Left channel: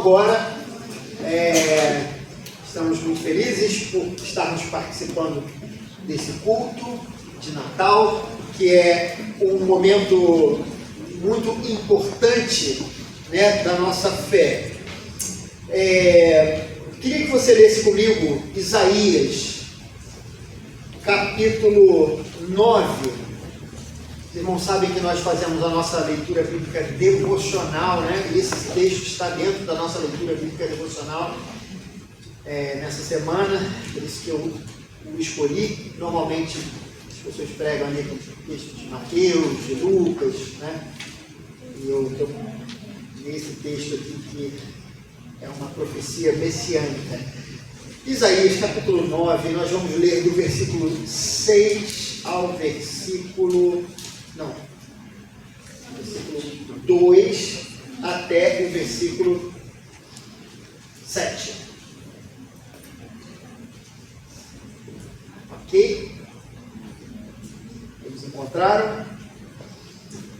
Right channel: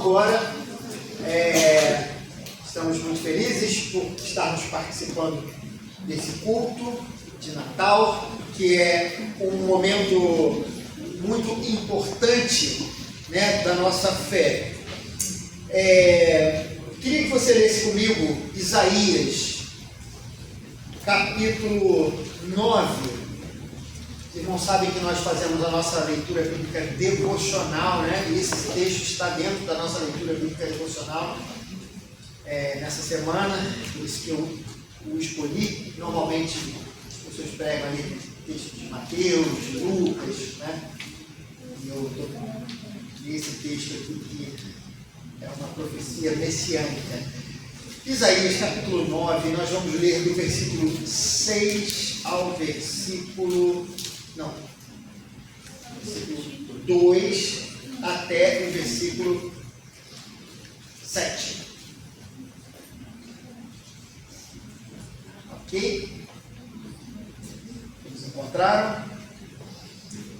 Agora, estamos muito felizes por estarmos participando desse culto de Natal, que é um momento muito importante, né, da nossa fé. Queria que você lesse comigo Isaías, capítulo 9. Os irmãos sabem que nós fazemos a nossa leitura bíblica devocional, né? E esse texto está dentro da nossa leitura bíblica devocional nessa semana, por isso que eu o escolhi. Normalmente as pessoas pregam ali com texto de Mateus, de Lucas, né? E eu estou nesse texto aqui que é uma profecia messiânica. Isaías capítulo 9, nós vamos ler do versículo 6 ao versículo 2 até o versículo 7. Ok? Eles encontraram?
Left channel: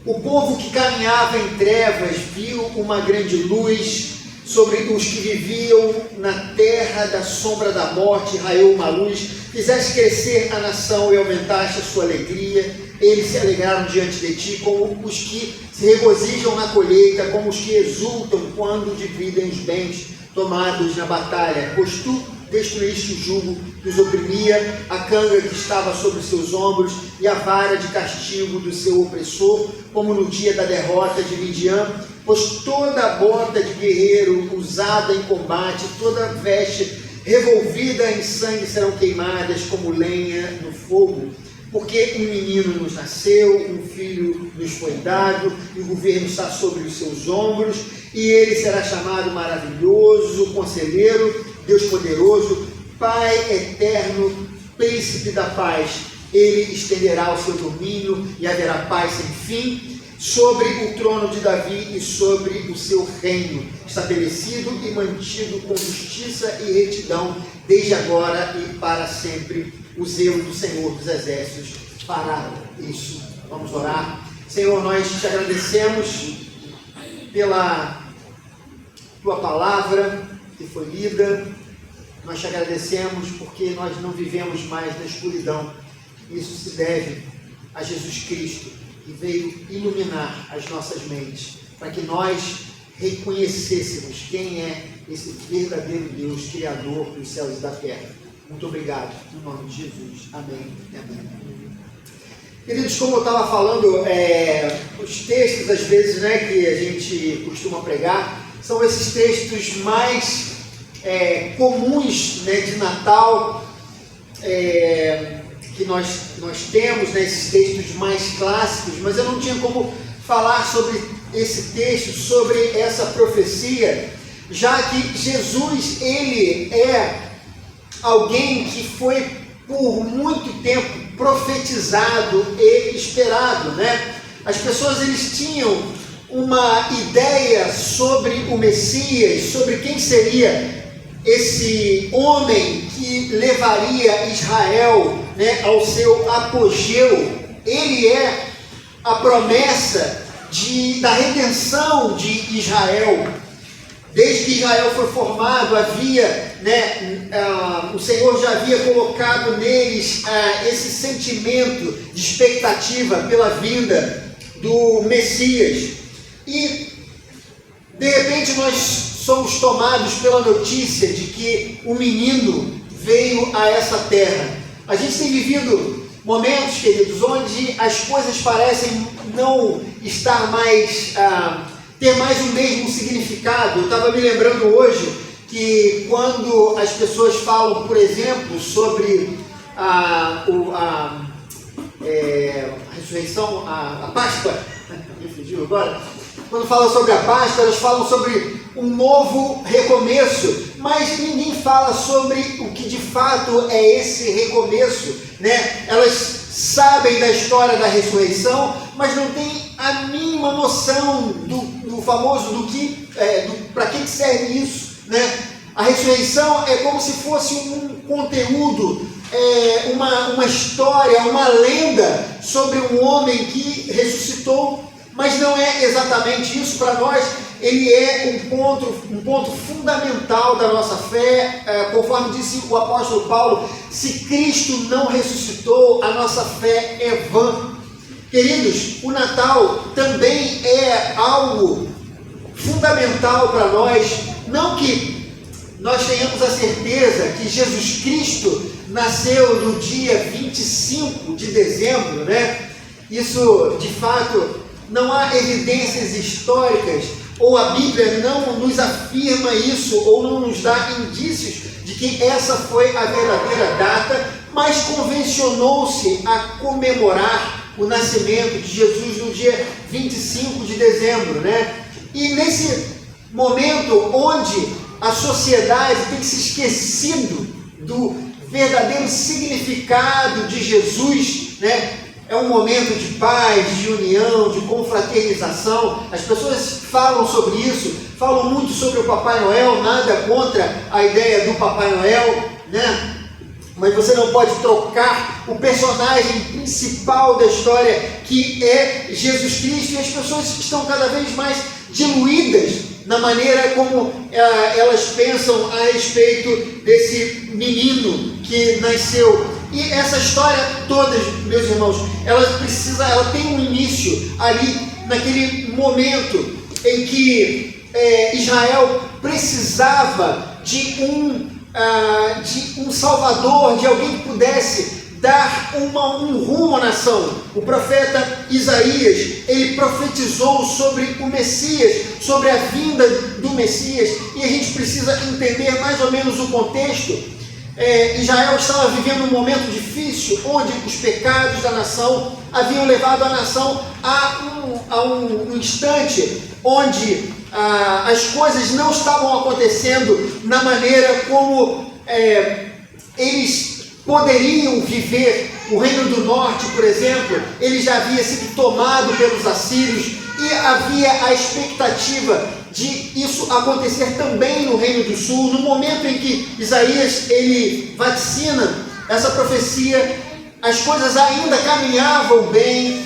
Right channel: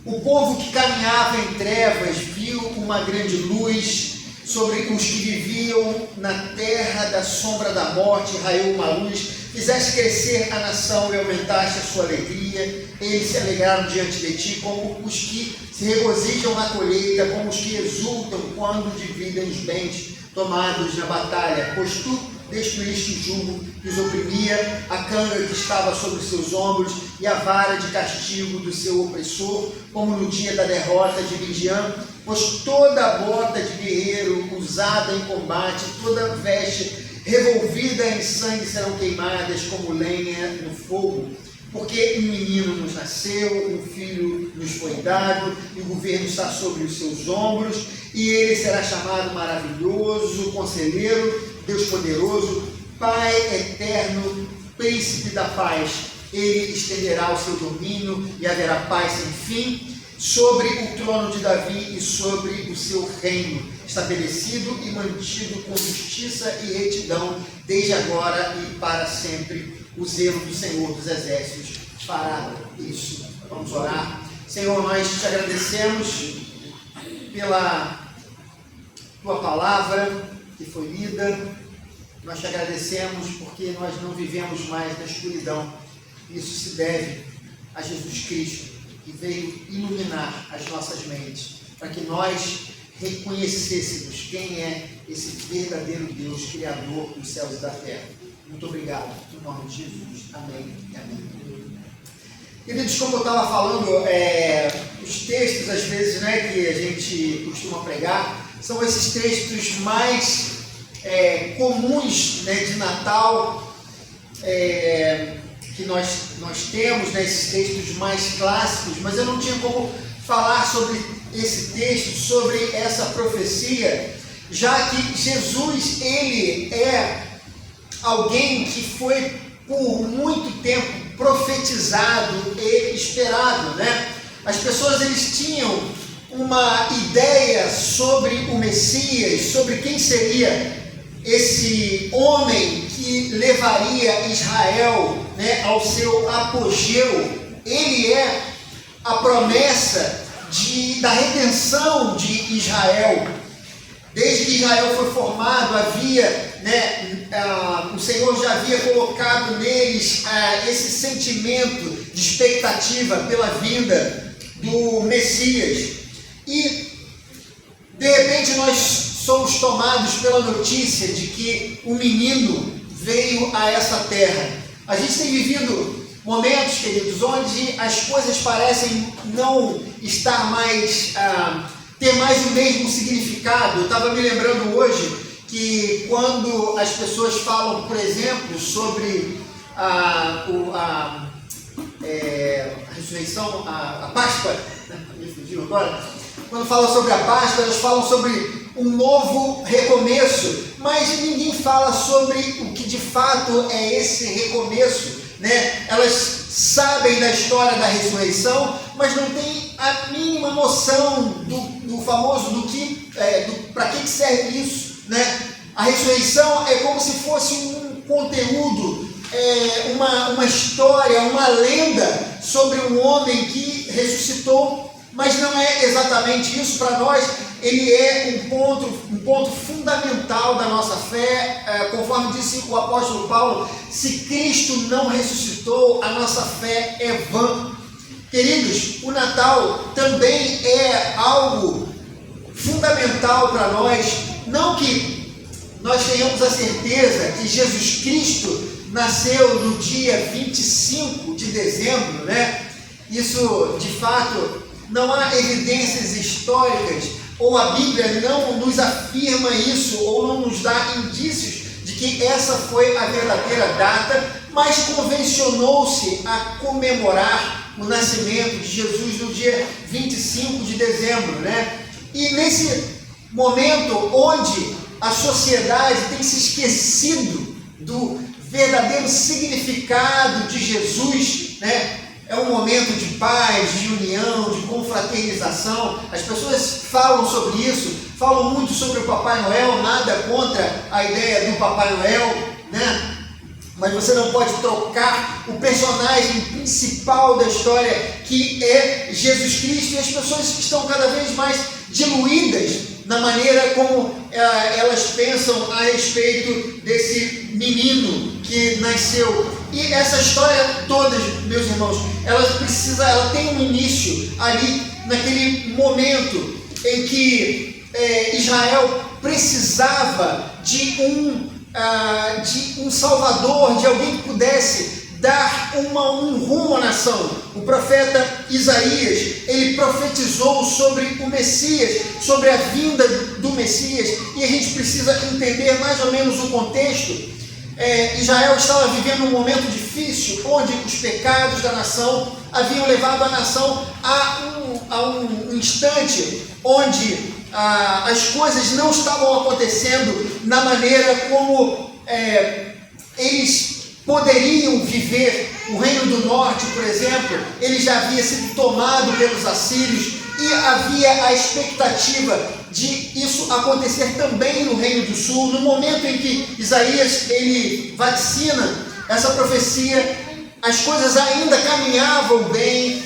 O povo que caminhava em trevas viu uma grande luz. Sobre os que viviam na terra da sombra da morte, raiou uma luz. Fizeste crescer a nação e aumentaste a sua alegria. Eles se alegraram diante de ti, como os que se regozijam na colheita, como os que exultam quando dividem os bens tomados na batalha. Pois tu destruíste o jugo que os oprimia, a canga que estava sobre os seus ombros e a vara de castigo do seu opressor, como no dia da derrota de Midian. Pois toda a bota de guerreiro usada em combate, toda veste revolvida em sangue serão queimadas como lenha no fogo. Porque um menino nos nasceu, um filho nos foi dado, e o governo está sobre os seus ombros, e ele será chamado Maravilhoso, Conselheiro, Deus Poderoso, Pai Eterno, Príncipe da Paz. Ele estenderá o seu domínio e haverá paz sem fim sobre o trono de Davi e sobre o seu reino, estabelecido e mantido com justiça e retidão, desde agora e para sempre. O zelo do Senhor dos Exércitos fará isso. Vamos orar. Senhor, nós te agradecemos pela tua palavra que foi lida. Nós te agradecemos porque nós não vivemos mais na escuridão. Isso se deve a Jesus Cristo, que veio iluminar as nossas mentes, para que nós reconhecêssemos quem é esse verdadeiro Deus, Criador dos céus e da terra. Muito obrigado, no nome de Jesus. Amém e amém. Queridos, como eu estava falando, os textos, às vezes, né, que a gente costuma pregar, são esses textos mais comuns, né, de Natal, que nós temos, né, esses textos mais clássicos, mas eu não tinha como falar sobre esse texto, sobre essa profecia, já que Jesus, ele é alguém que foi por muito tempo profetizado e esperado, né? As pessoas, eles tinham uma ideia sobre o Messias, sobre quem seria esse homem que levaria Israel, né, ao seu apogeu. Ele é a promessa da redenção de Israel. Desde que Israel foi formado, o Senhor já havia colocado neles esse sentimento de expectativa pela vinda do Messias. E, de repente, nós somos tomados pela notícia de que o menino veio a essa terra. A gente tem vivido momentos, queridos, onde as coisas parecem não estar mais, ter mais o mesmo significado. Eu estava me lembrando hoje que quando as pessoas falam, por exemplo, sobre a ressurreição, a Páscoa, me fugiu agora. Quando falam sobre a Páscoa, elas falam sobre um novo recomeço, mas ninguém fala sobre o que de fato é esse recomeço, né? Elas sabem da história da ressurreição, mas não têm a mínima noção do famoso para que serve isso, né? A ressurreição é como se fosse um conteúdo, uma história, uma lenda sobre um homem que ressuscitou, mas não é exatamente isso. Para nós ele é um ponto fundamental da nossa fé, conforme disse o apóstolo Paulo: se Cristo não ressuscitou, a nossa fé é vã. Queridos, o Natal também é algo fundamental para nós, não que nós tenhamos a certeza que Jesus Cristo nasceu no dia 25 de dezembro, né? Isso, de fato, não há evidências históricas, ou a Bíblia não nos afirma isso, ou não nos dá indícios de que essa foi a verdadeira data, mas convencionou-se a comemorar o nascimento de Jesus no dia 25 de dezembro, né? E nesse momento onde a sociedade tem se esquecido do verdadeiro significado de Jesus, né? É um momento de paz, de união, de confraternização. As pessoas falam sobre isso, falam muito sobre o Papai Noel, nada contra a ideia do Papai Noel, né? Mas você não pode trocar o personagem principal da história, que é Jesus Cristo, e as pessoas estão cada vez mais diluídas na maneira como elas pensam a respeito desse menino que nasceu. E essa história toda, meus irmãos, ela tem um início ali, naquele momento em que Israel precisava de um salvador, de alguém que pudesse dar um rumo à nação. O profeta Isaías, ele profetizou sobre o Messias, sobre a vinda do Messias, e a gente precisa entender mais ou menos o contexto. Israel estava vivendo um momento difícil, onde os pecados da nação haviam levado a nação a um instante onde as coisas não estavam acontecendo na maneira como eles poderiam viver. O Reino do Norte, por exemplo, ele já havia sido tomado pelos assírios, e havia a expectativa de isso acontecer também no Reino do Sul. No momento em que Isaías ele vaticina essa profecia, as coisas ainda caminhavam bem,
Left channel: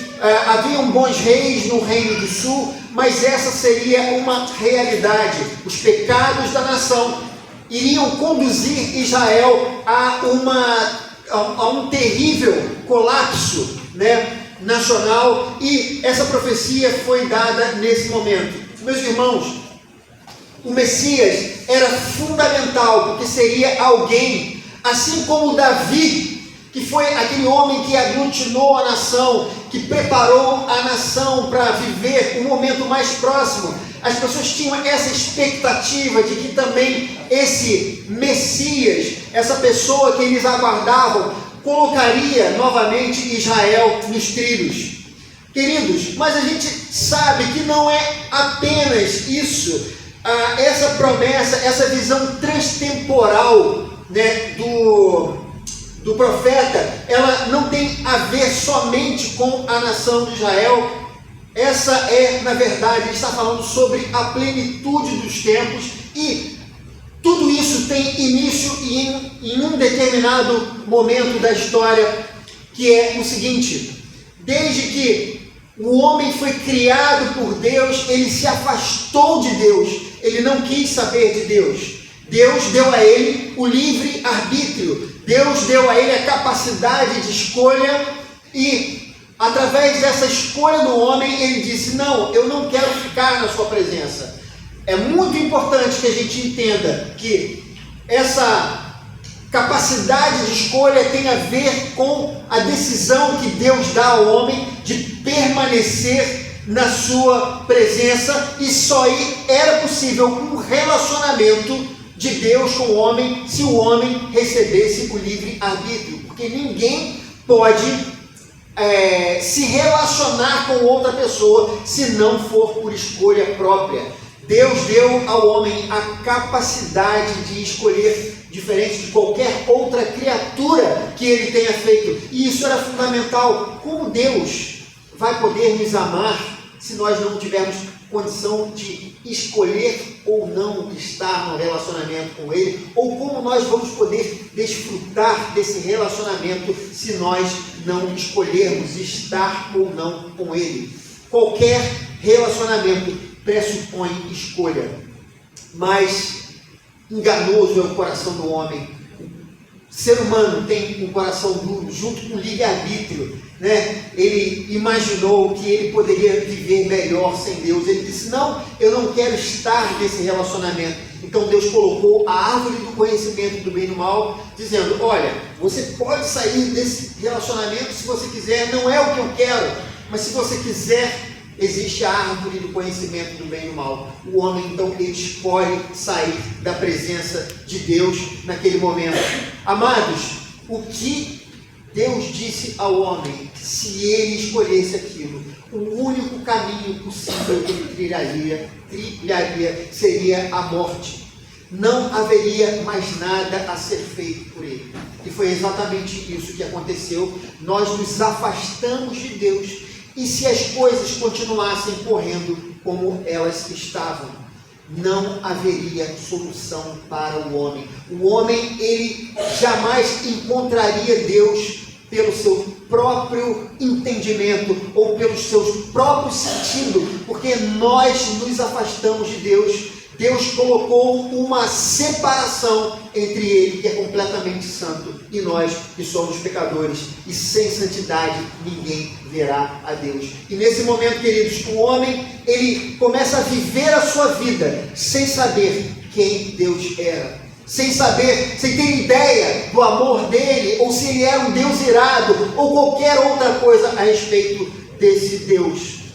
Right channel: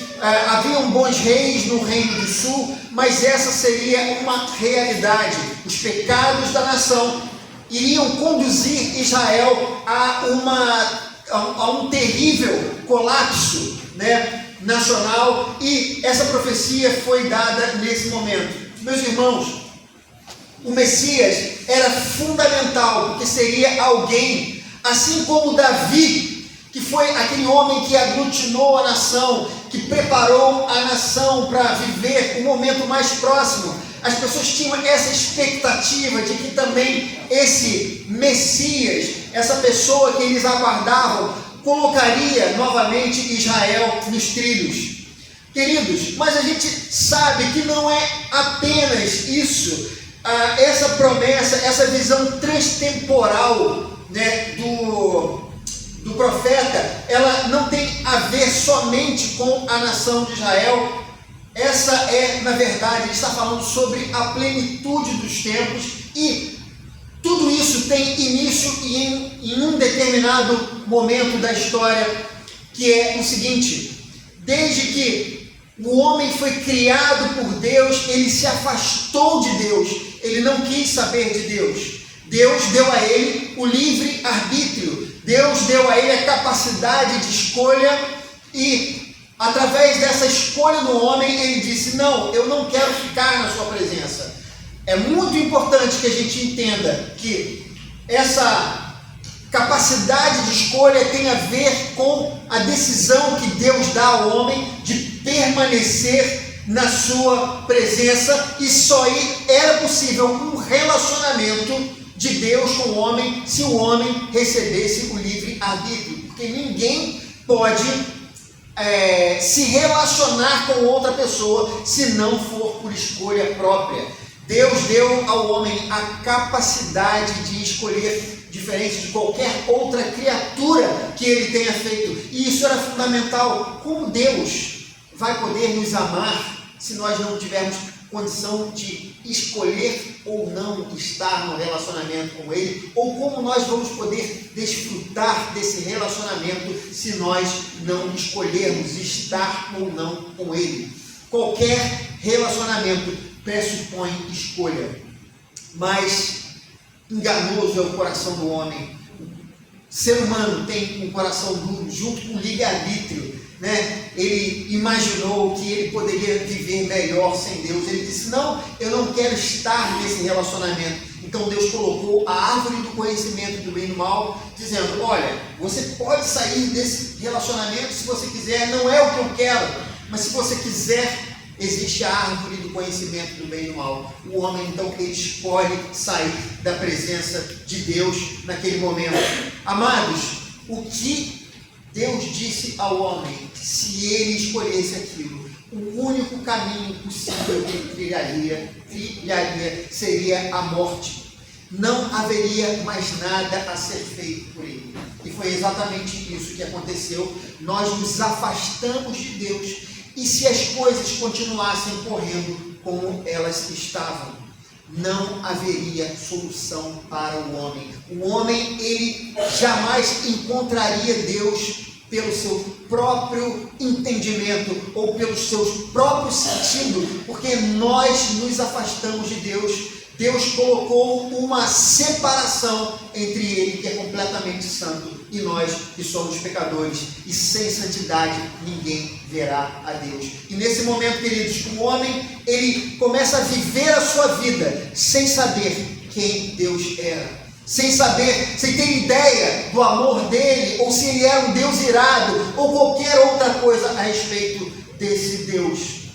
haviam bons reis no Reino do Sul, mas essa seria uma realidade. Os pecados da nação iriam conduzir Israel a um terrível colapso, né, nacional, e essa profecia foi dada nesse momento. Meus irmãos, o Messias era fundamental, porque seria alguém, assim como Davi, que foi aquele homem que aglutinou a nação, que preparou a nação para viver o momento mais próximo. As pessoas tinham essa expectativa de que também esse Messias, essa pessoa que eles aguardavam, colocaria novamente Israel nos trilhos. Queridos, mas a gente sabe que não é apenas isso, essa promessa, essa visão transtemporal, né, do profeta, ela não tem a ver somente com a nação de Israel. Essa na verdade, ele está falando sobre a plenitude dos tempos, e tudo isso tem início em um determinado momento da história, que é o seguinte: desde que o homem foi criado por Deus, ele se afastou de Deus, ele não quis saber de Deus. Deus deu a ele o livre arbítrio, Deus deu a ele a capacidade de escolha, e através dessa escolha do homem, ele disse: não, eu não quero ficar na sua presença. É muito importante que a gente entenda que essa capacidade de escolha tem a ver com a decisão que Deus dá ao homem de permanecer na sua presença, e só era possível um relacionamento de Deus com o homem se o homem recebesse o livre arbítrio, porque ninguém pode se relacionar com outra pessoa se não for por escolha própria. Deus deu ao homem a capacidade de escolher, diferente de qualquer outra criatura que ele tenha feito, e isso era fundamental. Como Deus vai poder nos amar se nós não tivermos condição de escolher ou não estar no relacionamento com Ele? Ou como nós vamos poder desfrutar desse relacionamento se nós não escolhermos estar ou não com Ele? Qualquer relacionamento pressupõe escolha, mas enganoso é o coração do homem. O ser humano tem um coração duro, junto com o livre-arbítrio, né? Ele imaginou que ele poderia viver melhor sem Deus. Ele disse: não, eu não quero estar nesse relacionamento. Então Deus colocou a árvore do conhecimento do bem e do mal, dizendo: olha, você pode sair desse relacionamento se você quiser, não é o que eu quero, mas se você quiser, existe a árvore do conhecimento do bem e do mal. O homem, então, ele escolhe sair da presença de Deus naquele momento. Amados, o que Deus disse ao homem, se ele escolhesse aquilo, o único caminho possível que ele trilharia seria a morte. Não haveria mais nada a ser feito por ele. E foi exatamente isso que aconteceu. Nós nos afastamos de Deus. E se as coisas continuassem correndo como elas estavam, não haveria solução para o homem. O homem, ele jamais encontraria Deus pelo seu próprio entendimento ou pelos seus próprios sentidos, porque nós nos afastamos de Deus. Deus colocou uma separação entre ele, que é completamente santo, e nós, que somos pecadores, e sem santidade ninguém verá a Deus. E nesse momento, queridos, o homem, ele começa a viver a sua vida sem saber quem Deus era, sem saber, sem ter ideia do amor dele, ou se ele era um Deus irado, ou qualquer outra coisa a respeito desse Deus.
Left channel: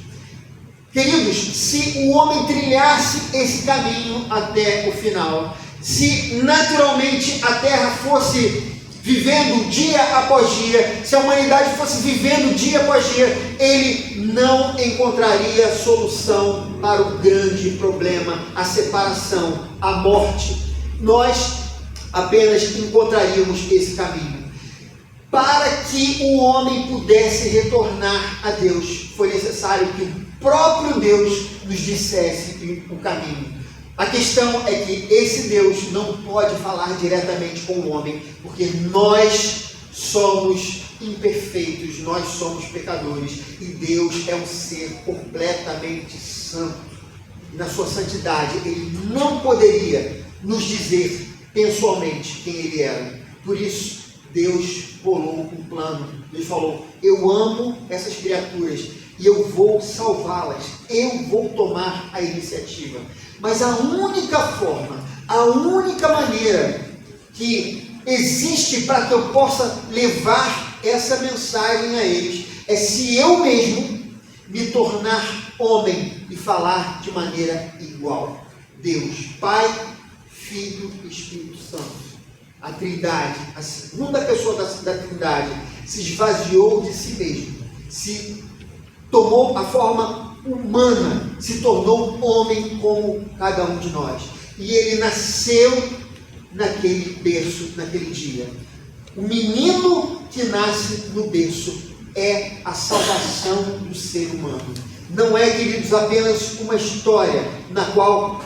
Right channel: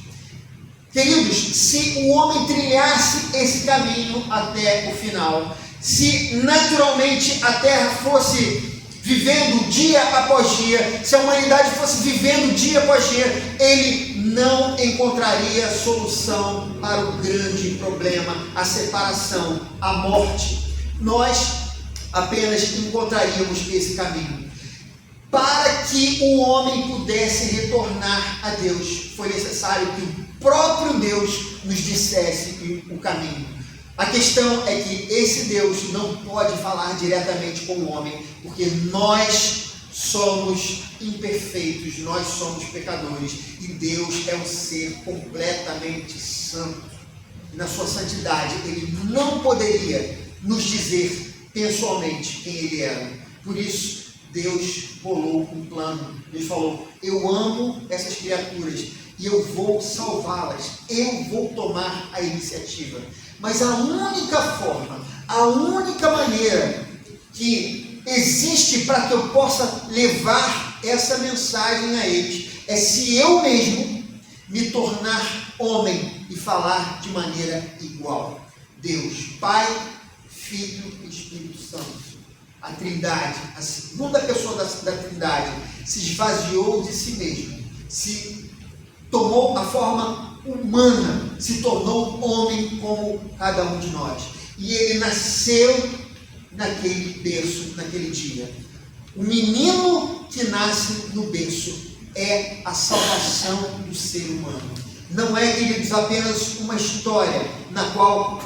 Queridos, se o homem trilhasse esse caminho até o final, se naturalmente a terra fosse vivendo dia após dia, se a humanidade fosse vivendo dia após dia, ele não encontraria solução para o grande problema, a separação, a morte. Nós apenas encontraríamos esse caminho. Para que o homem pudesse retornar a Deus, foi necessário que o próprio Deus nos dissesse o caminho. A questão é que esse Deus não pode falar diretamente com o homem, porque nós somos imperfeitos, nós somos pecadores, e Deus é um ser completamente santo. E na sua santidade, ele não poderia nos dizer pessoalmente quem ele era. Por isso, Deus bolou um plano. Deus falou: eu amo essas criaturas e eu vou salvá-las, eu vou tomar a iniciativa. Mas a única forma, a única maneira que existe para que eu possa levar essa mensagem a eles é se eu mesmo me tornar homem e falar de maneira igual. Deus, Pai, Filho e Espírito Santo. A Trindade, a segunda pessoa da Trindade, se esvaziou de si mesmo, se tomou a forma humana, se tornou homem como cada um de nós. E ele nasceu naquele berço, naquele dia. O menino que nasce no berço é a salvação do ser humano. Não é, queridos, apenas uma história na qual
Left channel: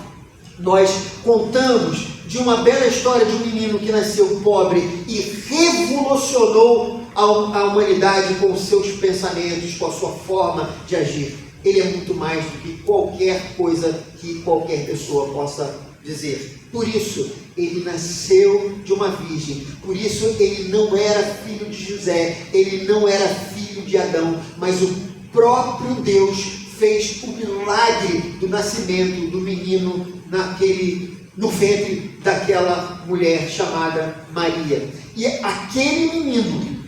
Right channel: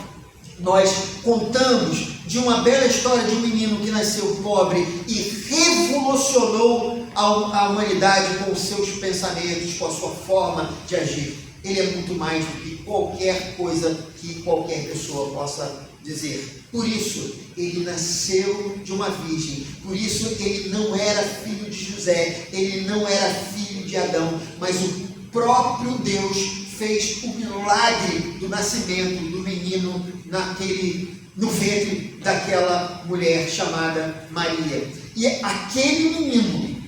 nós contamos de uma bela história de um menino que nasceu pobre e revolucionou a humanidade com os seus pensamentos, com a sua forma de agir. Ele é muito mais do que qualquer coisa que qualquer pessoa possa dizer. Por isso, ele nasceu de uma virgem. Por isso, ele não era filho de José, ele não era filho de Adão, mas o próprio Deus fez o milagre do nascimento do menino no ventre daquela mulher chamada Maria. E aquele menino,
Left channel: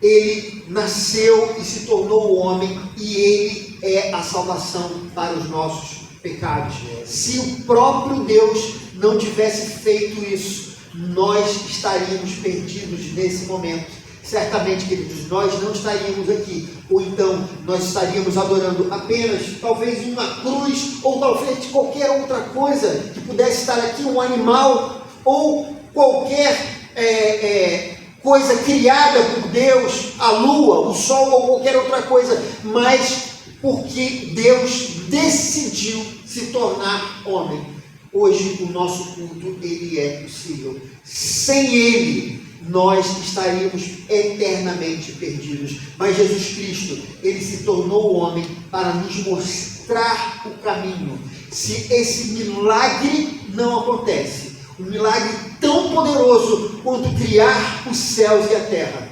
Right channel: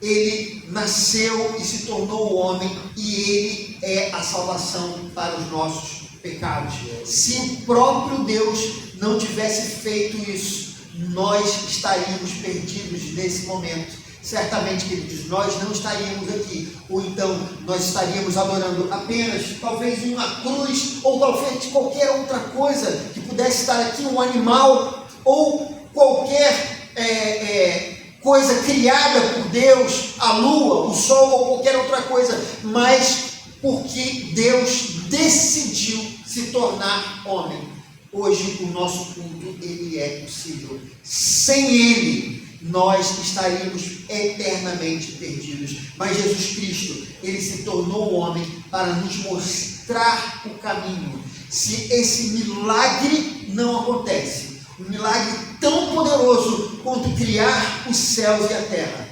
ele nasceu e se tornou homem, e ele é a salvação para os nossos pecados. Se o próprio Deus não tivesse feito isso, nós estaríamos perdidos nesse momento. Certamente, queridos, nós não estaríamos aqui, ou então nós estaríamos adorando apenas, talvez, uma cruz, ou talvez qualquer outra coisa que pudesse estar aqui, um animal, ou qualquer coisa criada por Deus, a lua, o sol, ou qualquer outra coisa, mas porque Deus decidiu se tornar homem. Hoje o nosso culto, ele é possível. Sem ele, nós estaríamos eternamente perdidos. Mas Jesus Cristo, ele se tornou homem para nos mostrar o caminho. Se esse milagre não acontece, um milagre tão poderoso quanto criar os céus e a terra,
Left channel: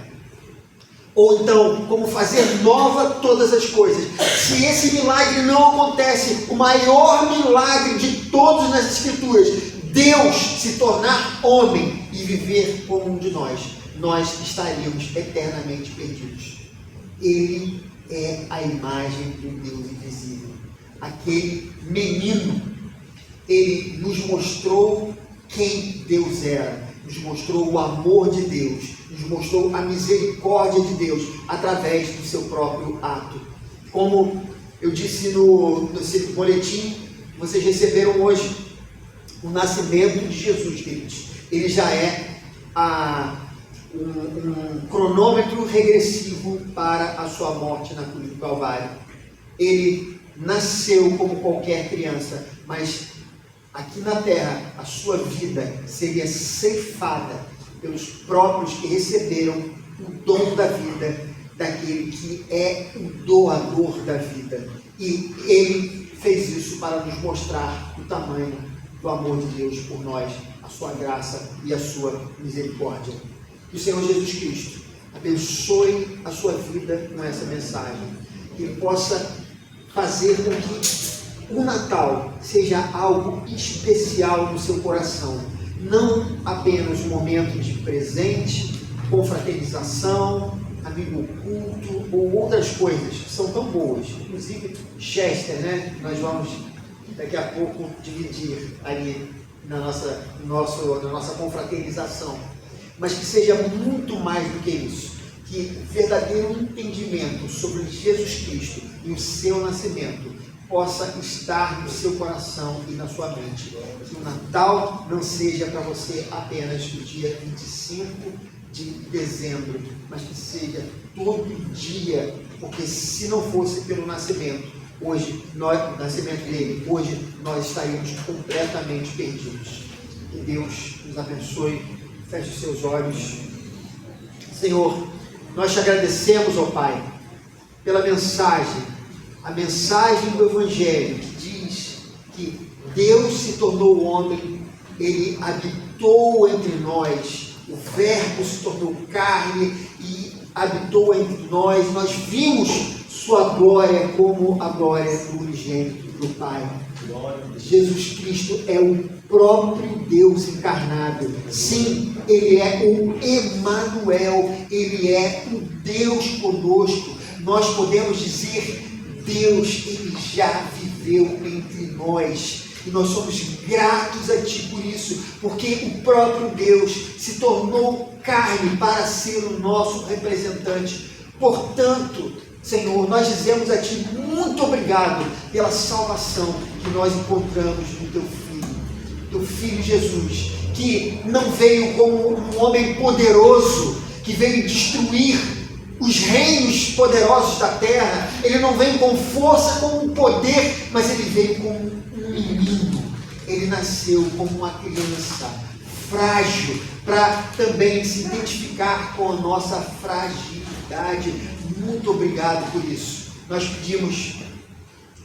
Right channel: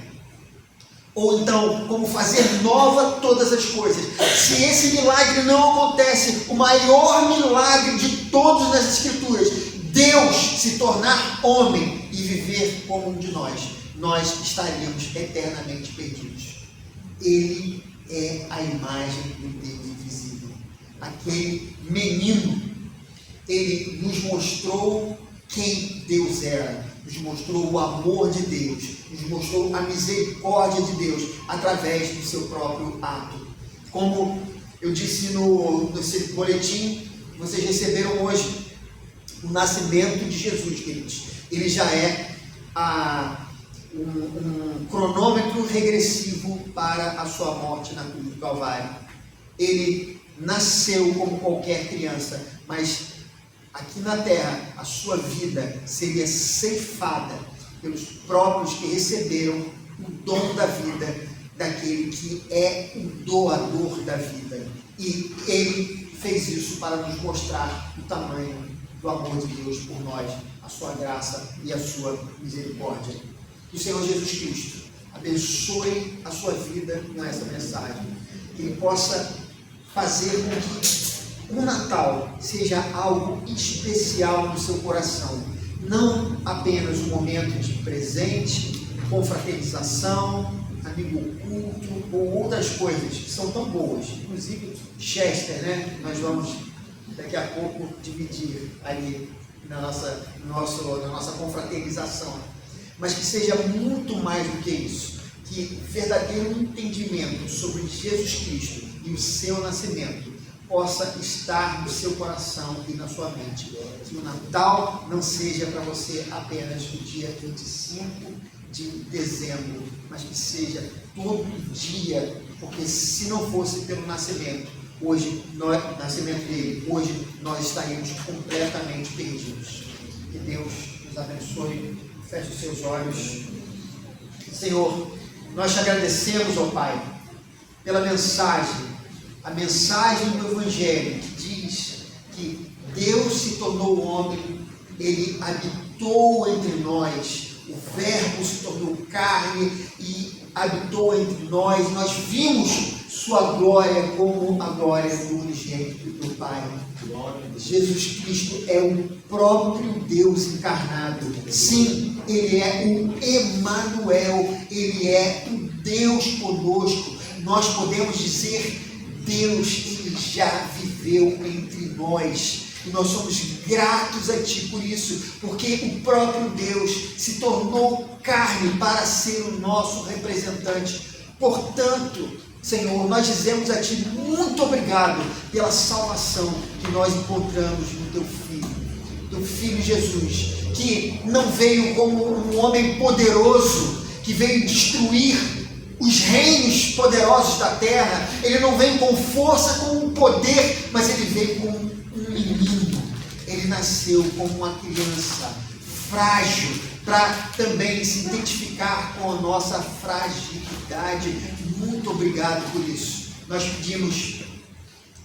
ou então, como fazer nova todas as coisas. Se esse milagre não acontece, o maior milagre de todos nas Escrituras, Deus se tornar homem e viver como um de nós, nós estaríamos eternamente perdidos. Ele é a imagem do Deus invisível. Aquele menino, ele nos mostrou quem Deus era, nos mostrou o amor de Deus, nos mostrou a misericórdia de Deus através do seu próprio ato. Como eu disse no boletim, vocês receberam hoje o nascimento de Jesus, queridos. Ele já é um cronômetro regressivo para a sua morte na cruz do Calvário. Ele nasceu como qualquer criança, mas aqui na terra a sua vida seria ceifada pelos próprios que receberam o dom da vida daquele que é o doador da vida. E ele fez isso para nos mostrar o tamanho do amor de Deus por nós, a sua graça e a sua misericórdia. Que o Senhor Jesus Cristo abençoe a sua vida com essa mensagem, que Ele possa fazer com que o Natal seja algo especial no seu coração, não apenas um momento de presente, confraternização, amigo oculto ou outras coisas que são tão boas, inclusive Chester, né? Nós vamos daqui a pouco dividir ali na nossa confraternização, mas que seja muito mais do que isso, que verdadeiro entendimento sobre Jesus Cristo e o seu nascimento possa estar no seu coração e na sua mente. Que o Natal não seja para você apenas o dia 25 de dezembro, mas que seja todo dia, porque se não fosse pelo nascimento dele, hoje nós estaríamos completamente perdidos. Que Deus nos abençoe. Feche os seus olhos. Senhor, nós te agradecemos, ó Pai, pela mensagem, a mensagem do Evangelho, que diz que Deus se tornou homem, Ele habitou entre nós, o Verbo se tornou carne e habitou entre nós, nós vimos sua glória como a glória do unigênito do Pai. Jesus Cristo é o próprio Deus encarnado. Sim, Ele é o Emanuel, Ele é o Deus conosco. Nós podemos dizer, Deus, Ele já viveu entre nós. E nós somos gratos a Ti por isso, porque o próprio Deus se tornou carne para ser o nosso representante. Portanto, Senhor, nós dizemos a Ti muito obrigado pela salvação que nós encontramos no Teu Filho Jesus, que não veio como um homem poderoso, que veio destruir os reinos poderosos da terra. Ele não veio com força, com poder, mas Ele veio como um menino. Ele nasceu como uma criança frágil, para também se identificar com a nossa fragilidade. Muito obrigado por isso. Nós pedimos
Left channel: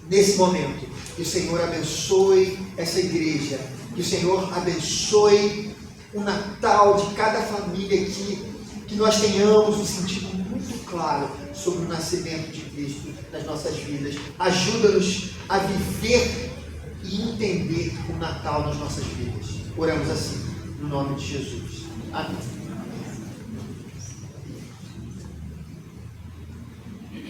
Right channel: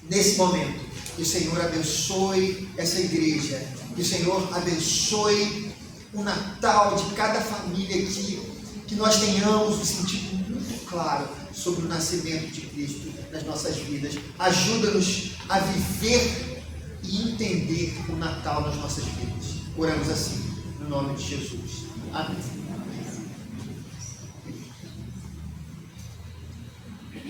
nesse momento que o Senhor abençoe essa igreja, que o Senhor abençoe o Natal de cada família aqui, que nós tenhamos um sentido muito claro sobre o nascimento de Cristo nas nossas vidas. Ajuda-nos a viver e entender o Natal nas nossas vidas. Oramos assim, no nome de Jesus. Amém.